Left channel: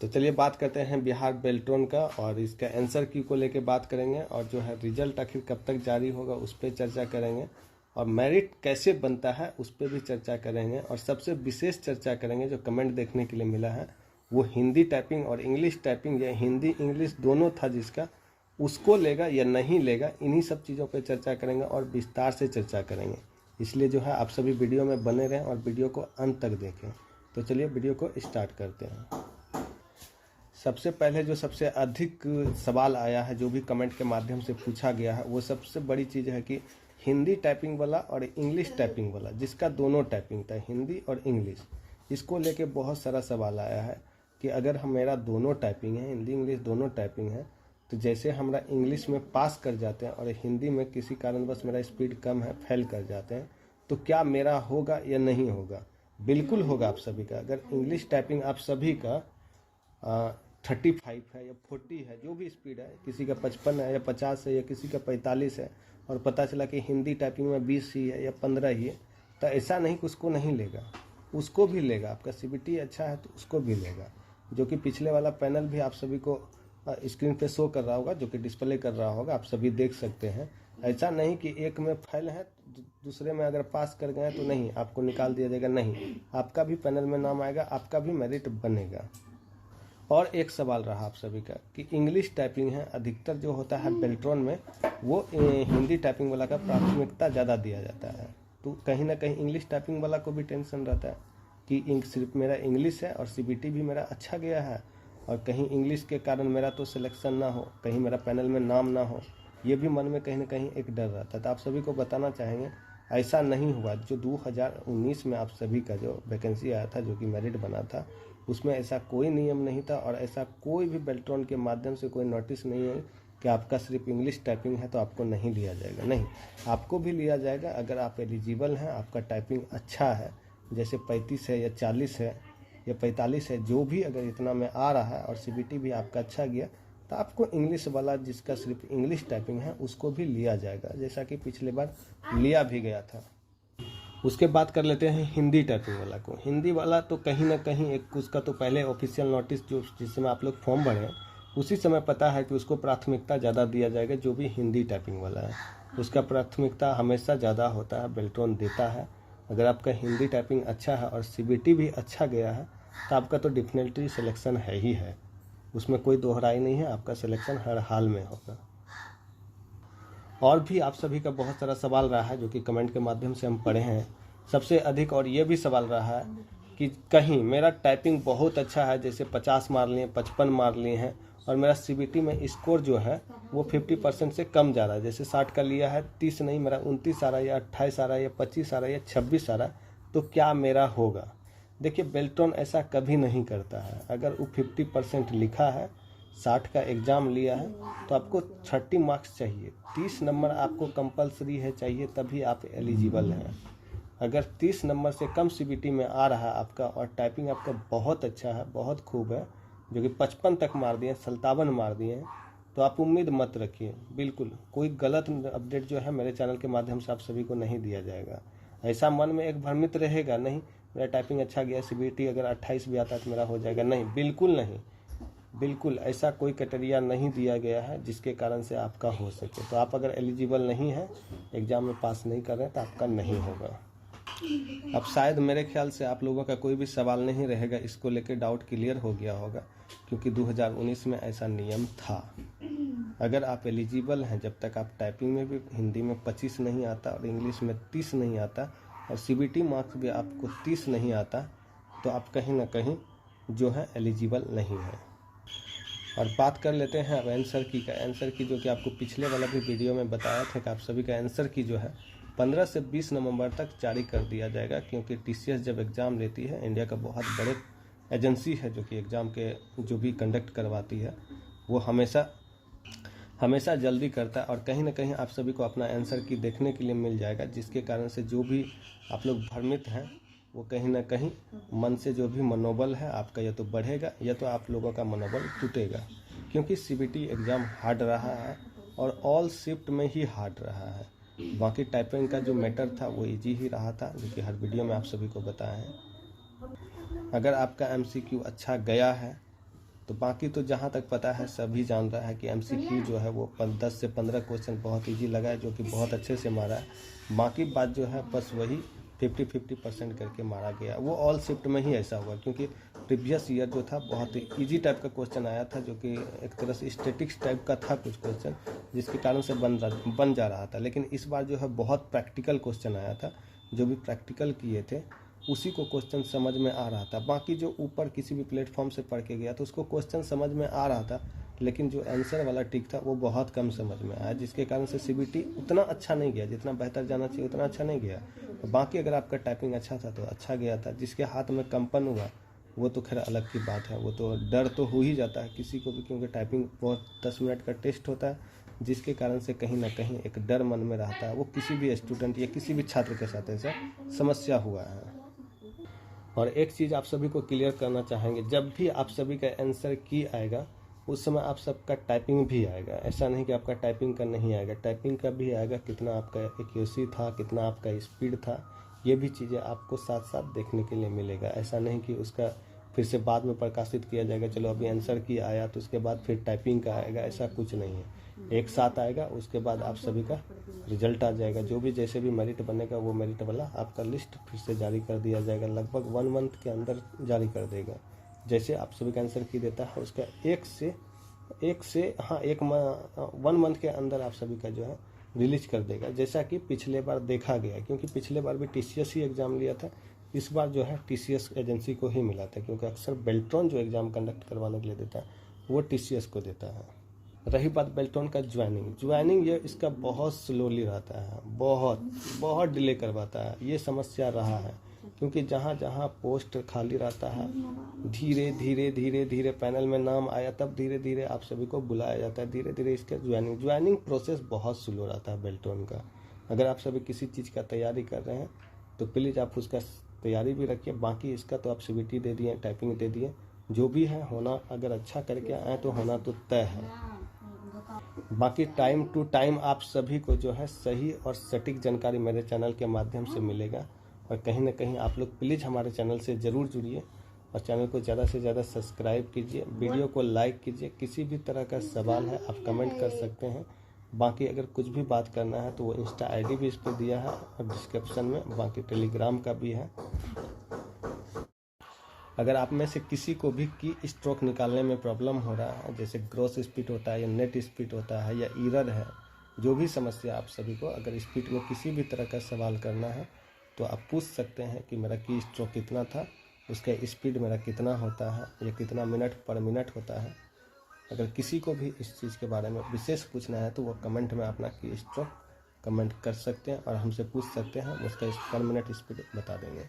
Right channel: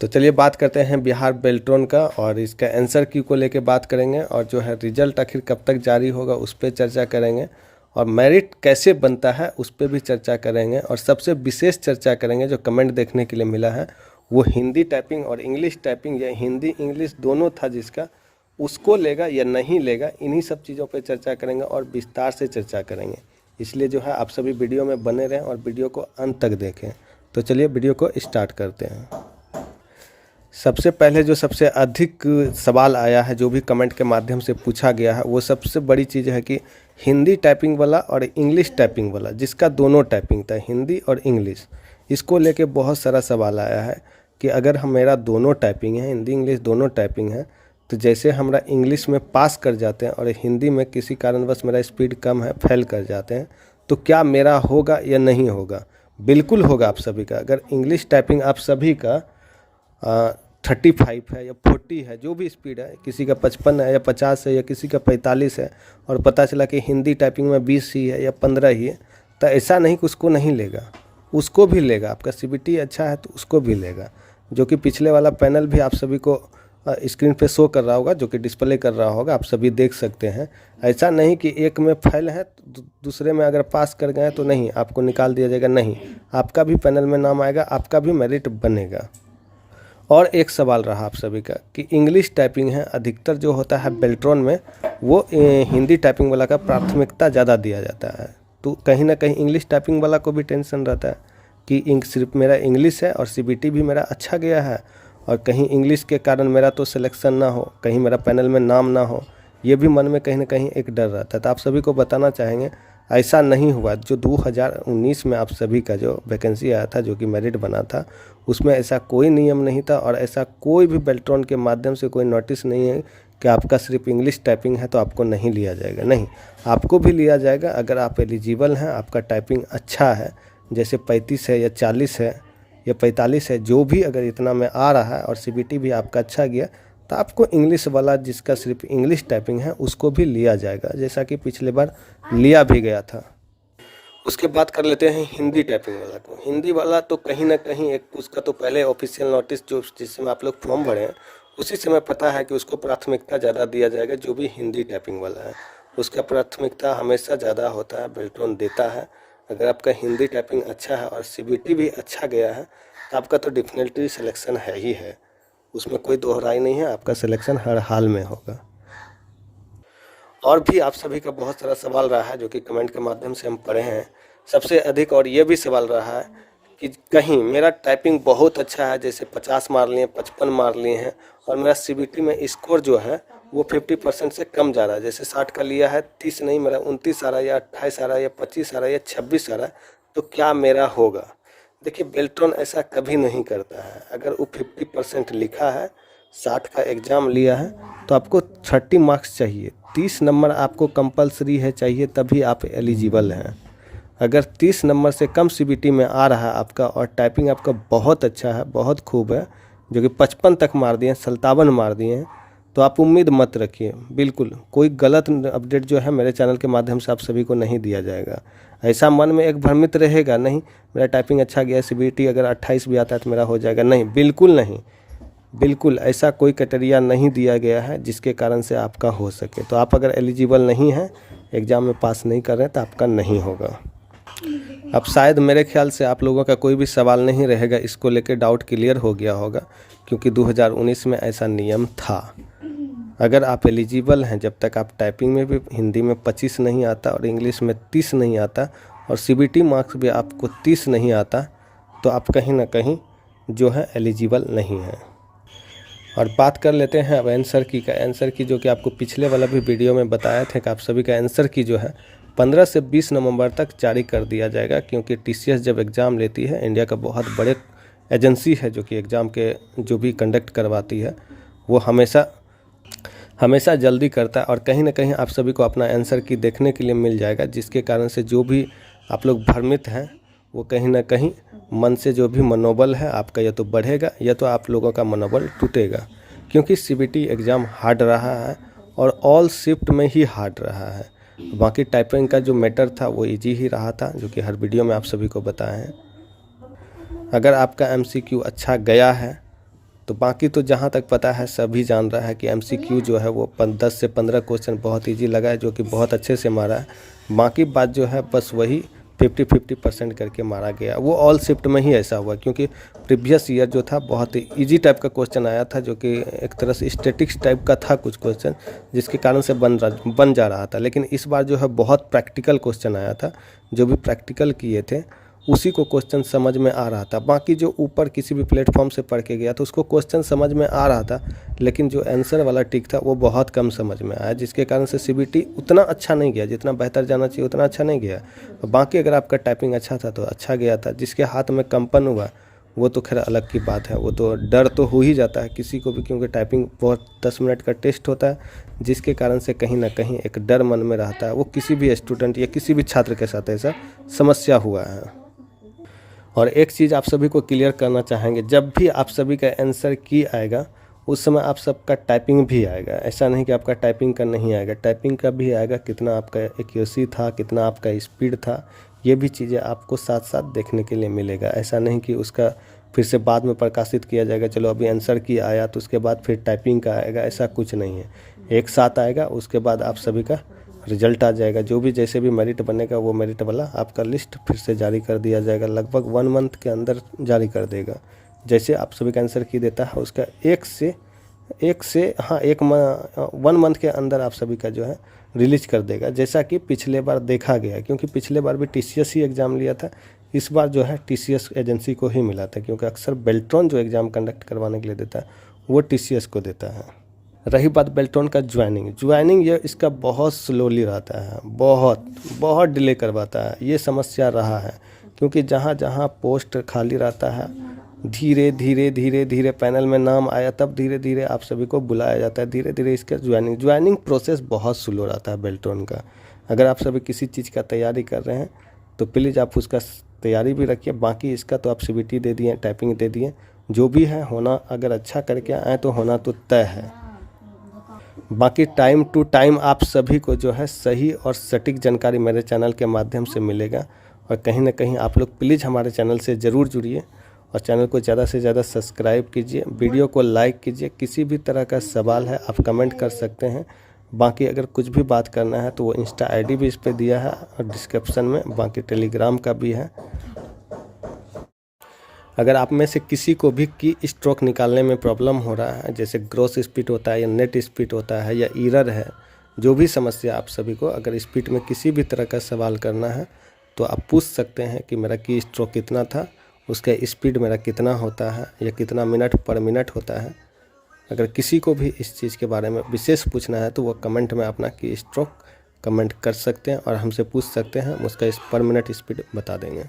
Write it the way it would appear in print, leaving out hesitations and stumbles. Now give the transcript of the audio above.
तो चलिए बात करते हैं बिहार बेल्ट्रॉन का, और इसका आंसर की को लेके बात करेंगे, और जो है रिजल्ट आखिर कब तक जारी होगा उस पर चर्चा करेंगे, और मेरिट कैसे बनता है उस पर भी चर्चा करेंगे, और सबसे विशेष चर्चा करेंगे जो कमेंट देखने के लिए मिला है वो हिंदी टाइपिंग और इंग्लिश टाइपिंग, या हिंदी इंग्लिश दोनों था जिसका, उसको लेगा या नहीं लेगा। इन्हीं सब चीज़ों पर चर्चा करेंगे और विस्तार से चर्चा करेंगे। इसलिए जो है आप सभी वीडियो में बने रहें और वीडियो को अंत तक देखें। तो चलिए वीडियो को स्टार्ट करते हैं। सबसे पहले जो सबसे अधिक सवाल आया है, जो भी कमेंट के माध्यम से पूछा गया है, वो सबसे बड़ी चीज़ है कि हिंदी टाइपिंग वाला और इंग्लिश टाइपिंग वाला, जिसका दोनों टाइपिंग था हिंदी और इंग्लिश, इसको लेके बहुत सारा सवाल आया है कि अगर हम मेरा दोनों टाइपिंग है, हिंदी इंग्लिश दोनों टाइपिंग है, तो जैसे हमरा इंग्लिश में पास कर जाते हैं और हिंदी में किसी कारणवश मेरा स्पीड कम है, फेल कर जाते हैं, तो क्या मेरा होगा या नहीं होगा? बिल्कुल होगा आप सभी का। अगर इंग्लिश टाइपिंग आप सभी का 35 है या 40 है, जो भी स्पीड है, किसी का 55 है या 50 है या किसी का 45 है, और पता चला कि हिंदी टाइपिंग में 20 ही है या 15 ही है, तो ऐसा नहीं कि उसको नहीं लेगा, उसको भी लेगा। आपका सीबीटी अच्छा है तो उसको भी लेगा, जो कि पिछले वाला पैनल भी आप सभी को स्क्रीन पे शो कर रहा होगा, जो कि डिस्प्ले कर रहा होगा, आप सभी देख सकते हैं। ऐसा नहीं कि एक में फेल है तो दूसरे में अगर पास कर गए तो नहीं, आपको निकाल दिया जाएगा, नहीं, आपका भी पैनल में नाम आएगा, आपका भी मेरिट बनेगा। और एक सवाल रहा आप सभी का कि इंग्लिश टाइपिंग है, अधिकतर जो होता है बेल्ट्रॉन में, वो हिंदी टाइपिंग वाला का प्राथमिकता ज़्यादा दिया जाता है। तो कहीं ना कहीं इंग्लिश टाइपिंग वाला को भी टेंशन रहता है कि सिर्फ मेरा इंग्लिश है और सीबीटी भी मेरा अच्छा गया है, और कहीं इंग्लिश के कारण मेरा तो सिलेक्शन ना हो, कहीं मेरा पैनल में नाम ना हो, ये भी मन में कहीं ना कहीं एक डर रहता है। तो आप सभी को बताना चाहेंगे ऐसा नहीं हुआ। जो 2019 में आप सभी का जो वैकेंसी आया था, जो कि मेरिट बना था, उसमें ऐसा कोई नियम नहीं था, और ऐसा कोई भी बेल्ट्रॉन के माध्यम से कोई नोटिस नहीं है कि आपका सिर्फ इंग्लिश टाइपिंग है तो आपको नहीं लिया जाएगा। नहीं, आपको भी लिया जाएगा अगर आप एलिजिबल हैं, आपका टाइपिंग अच्छा है, जैसे 35 है या 40 है या 45 है, जो भी अगर इतना में आ रहा है और सीबीटी भी आपका अच्छा गया, तो आपको इंग्लिश वाला जिसका सिर्फ इंग्लिश टाइपिंग है उसको भी लिया जाएगा, जैसा कि पिछले बार लिया भी गया था। उसके बाद कर लेते हैं हिंदी टाइपिंग वाला को। हिंदी वाला तो कहीं ना कहीं एक उसका तो पहले ऑफिशियल नोटिस जो जिसमें आप लोग फॉर्म भरे हैं, उसी समय पता है कि उसको प्राथमिकता ज़्यादा दिया जाएगा। जो भी हिंदी टाइपिंग वाला है उसका प्राथमिकता हमेशा ज़्यादा होता है, बेल्ट्रॉन देता है। अगर आपका हिंदी टाइपिंग अच्छा है और सीबीटी भी अच्छा गया है, आपका तो डेफिनेटली सिलेक्शन है ही है, उसमें कोई दोहराई नहीं है, आपका सिलेक्शन हर हाल में होगा। और भी आप सभी का बहुत सारा सवाल रहा है जो कि कमेंट के माध्यम से हम पढ़े हैं सबसे अधिक, और ये भी सवाल रहा है कि कहीं मेरा टाइपिंग बहुत अच्छा है, जैसे 50 मार लिए, 55 मार लिए हैं, और मेरा सीबीटी में स्कोर जो है वो 50% से कम जा रहा है, जैसे 60 का लिया है, 30 नहीं, मेरा 29 आ रहा है या 28 आ रहा है या 25 आ रहा है या 26 आ रहा है, तो क्या मेरा होगा? देखिए, बेल्ट्रॉन ऐसा कभी नहीं करता है। अगर वो 50% लिखा है, 60 का एग्ज़ाम लिया है, तो आपको 30 मार्क्स चाहिए, 30 नंबर आपको कंपलसरी है चाहिए, तभी आप एलिजिबल हैं। अगर 30 नंबर से कम सीबीटी में आ रहा है आपका और टाइपिंग आपका बहुत अच्छा है, बहुत खूब है, जो कि 55 तक मार दिए हैं, 57 मार दिए हैं, तो आप उम्मीद मत रखिए। बिल्कुल कोई गलत अपडेट जो है मेरे चैनल के माध्यम से आप सभी को नहीं दिया जाएगा। ऐसा मन में एक भ्रमित रहेगा, नहीं मेरा टाइपिंग अच्छा गया, सीबीटी अगर 28 भी आता है तो मेरा हो जाएगा, नहीं, बिल्कुल नहीं, बिल्कुल ऐसा कोई क्राइटेरिया नहीं दिया गया है जिसके कारण से आपका हो सके। तो आप अगर एलिजिबल नहीं हैं, एग्ज़ाम में पास नहीं कर रहे हैं, तो आपका नहीं होगा। अब शायद मेरे ख्याल से आप लोगों का कोई भी सवाल नहीं रहेगा, इसको लेकर डाउट क्लियर हो गया होगा, क्योंकि 2019 में ऐसा नियम था। अगर आप एलिजिबल हैं, जब तक आप टाइपिंग में भी हिंदी में 25 नहीं आता और इंग्लिश में 30 नहीं आता और सीबीटी मार्क्स भी आपको 30 नहीं आता, तो आप कहीं ना कहीं जो है एलिजिबल नहीं है। और बात कर लेते हैं अब आंसर की का। आंसर की जो कि आपको पिछले वाला भी वीडियो में बताया था कि आप सभी का आंसर की जो है 15 से 20 नवंबर तक जारी कर दिया जाएगा, क्योंकि टीसीएस जब एग्ज़ाम लेती है, इंडिया का बहुत बड़े एजेंसी है जो कि एग्ज़ाम के जो भी कंडक्ट करवाती है, वो हमेशा जल्दी करता है, और कहीं ना कहीं आप सभी को अपना आंसर की देखने के लिए मिल जाएगा, जिसके कारण से जो भी आप लोग भ्रमित हैं, वो कहीं ना कहीं मन से जो भी मनोबल है आपका या तो बढ़ेगा या तो आप लोगों का मनोबल टूटेगा, क्योंकि सीबीटी एग्ज़ाम हार्ड रहा है और ऑल शिफ्ट में ही हार्ड रहा है। बाकी टाइपिंग का जो मैटर था वो इजी ही रहा था, जो कि हर वीडियो में आप सभी को बताए हैं। अगर आपका एमसीक्यू अच्छा गया है तो बाकी तो जहाँ तक पता है सभी जान रहा है कि MCQ जो है वो 10 से 15 क्वेश्चन बहुत ईजी लगा है, जो कि बहुत अच्छे से मारा है। बाकी बात जो है बस वही 50-50% करके मारा गया। वो ऑल शिफ्ट में ही ऐसा हुआ, क्योंकि प्रीवियस ईयर जो था बहुत ही ईजी टाइप का क्वेश्चन आया था, जो कि एक तरह से स्टैटिक्स टाइप का था कुछ क्वेश्चन, जिसके कारण से बन जा रहा था। लेकिन इस बार जो है बहुत प्रैक्टिकल क्वेश्चन आया था। जो भी प्रैक्टिकल किए थे उसी को क्वेश्चन समझ में आ रहा था। बाकी जो ऊपर किसी भी प्लेटफॉर्म से पढ़ के गया तो उसको क्वेश्चन समझ में आ रहा था, लेकिन जो आंसर वाला टिक था वो बहुत कम समझ में आया, जिसके कारण से CBT उतना अच्छा नहीं गया, जितना बेहतर जाना चाहिए उतना अच्छा नहीं गया। बाकी अगर आपका टाइपिंग अच्छा था तो अच्छा गया था। जिसके हाथ में कंपन हुआ वो तो खैर अलग की बात है, वो तो डर तो हो ही जाता है किसी को भी, क्योंकि टाइपिंग बहुत 10 मिनट का टेस्ट होता है, जिसके कारण से कहीं ना कहीं एक डर मन में रहता है। वो किसी भी स्टूडेंट या किसी भी छात्र के साथ ऐसा समस्या हुआ है। और एक चीज़ आप सभी को क्लियर करना चाहेंगे, जब भी आप सभी का आंसर की आएगा उस समय आप सबका टाइपिंग भी आएगा। ऐसा नहीं कि आपका टाइपिंग का नहीं आएगा, टाइपिंग का भी आएगा। कितना आपका एक्यूरेसी था, कितना आपका स्पीड था, ये भी चीज़ें आपको साथ साथ देखने के लिए मिलेगा। ऐसा नहीं कि उसका फिर से बाद में प्रकाशित किया जाएगा, चलो अभी आंसर की आया तो उसके बाद फिर टाइपिंग का आएगा, ऐसा कुछ नहीं है। एक साथ आएगा, उसके बाद आप सभी का रिजल्ट आ जाएगा। जो भी जैसे भी मेरिट बनेगा वो मेरिट वाला आपका लिस्ट फिर से जारी कर दिया जाएगा। लगभग 1 मंथ के अंदर जारी कर देगा। जैसे आप सभी का आंसर की देता है उसका 1 मंथ के अंदर आप सभी का जो है रिलीज कर देगा, जैसा कि पिछले बार देखा गया। क्योंकि पिछले बार भी TCS ही एग्ज़ाम लिया था, इस बार जो है TCS एजेंसी को ही मिला था, क्योंकि अक्सर बेल्ट्रॉन जो एग्ज़ाम कंडक्ट करवाने के लिए देता है वो TCS को देता है। रही बात बेल्ट्रॉन का ज्वाइनिंग ये इसका बहुत स्लोली रहता है, बहुत डिले करवाता है। ये समस्या रहा है, क्योंकि जहाँ जहाँ पोस्ट खाली रहता है धीरे धीरे पैनल में नाम आया तब धीरे धीरे आप सभी को बुलाया जाता है। धीरे धीरे इसका ज्वाइनिंग प्रोसेस बहुत स्लो रहता है बेल्ट्रॉन का। अगर आप सभी किसी चीज़ का तैयारी कर रहे हैं तो प्लीज़ आप उसका तैयारी भी रखिए। बाकी इसका तो आप CBT दे दिए, टाइपिंग दे दिए, जो भी है होना, अगर अच्छा करके आए तो होना तो तय है। बाकी टाइम टू टाइम आप सभी को जो है सही और सटीक जानकारी मेरे चैनल के माध्यम से मिलेगा। और कहीं ना कहीं आप लोग प्लीज़ हमारे चैनल से ज़रूर जुड़िए और चैनल को ज़्यादा से ज़्यादा सब्सक्राइब कीजिए, वीडियो को लाइक कीजिए। किसी भी तरह का सवाल है आप कमेंट कर सकते हैं। बाकी अगर कुछ भी बात करना है तो वो Insta ID भी इस पर दिया है और डिस्क्रिप्शन में, बाकी टेलीग्राम का भी है। अगर आप में से किसी को भी की स्ट्रोक निकालने में प्रॉब्लम हो रहा है, जैसे ग्रॉस स्पीड होता है या नेट स्पीड होता है या एरर है, जो भी समस्या आप सभी को, अगर स्पीड में किसी भी तरह का सवाल करना है तो आप पूछ सकते हैं कि मेरा की स्ट्रोक कितना था, उसका स्पीड मेरा कितना होता है या कितना मिनट पर मिनट होता है। अगर किसी को भी इस चीज़ के बारे में विशेष पूछना है तो वो कमेंट में अपना की स्ट्रोक कमेंट कर सकते हैं और हमसे पूछ सकते हैं, उसका पर मिनट स्पीड बता देंगे।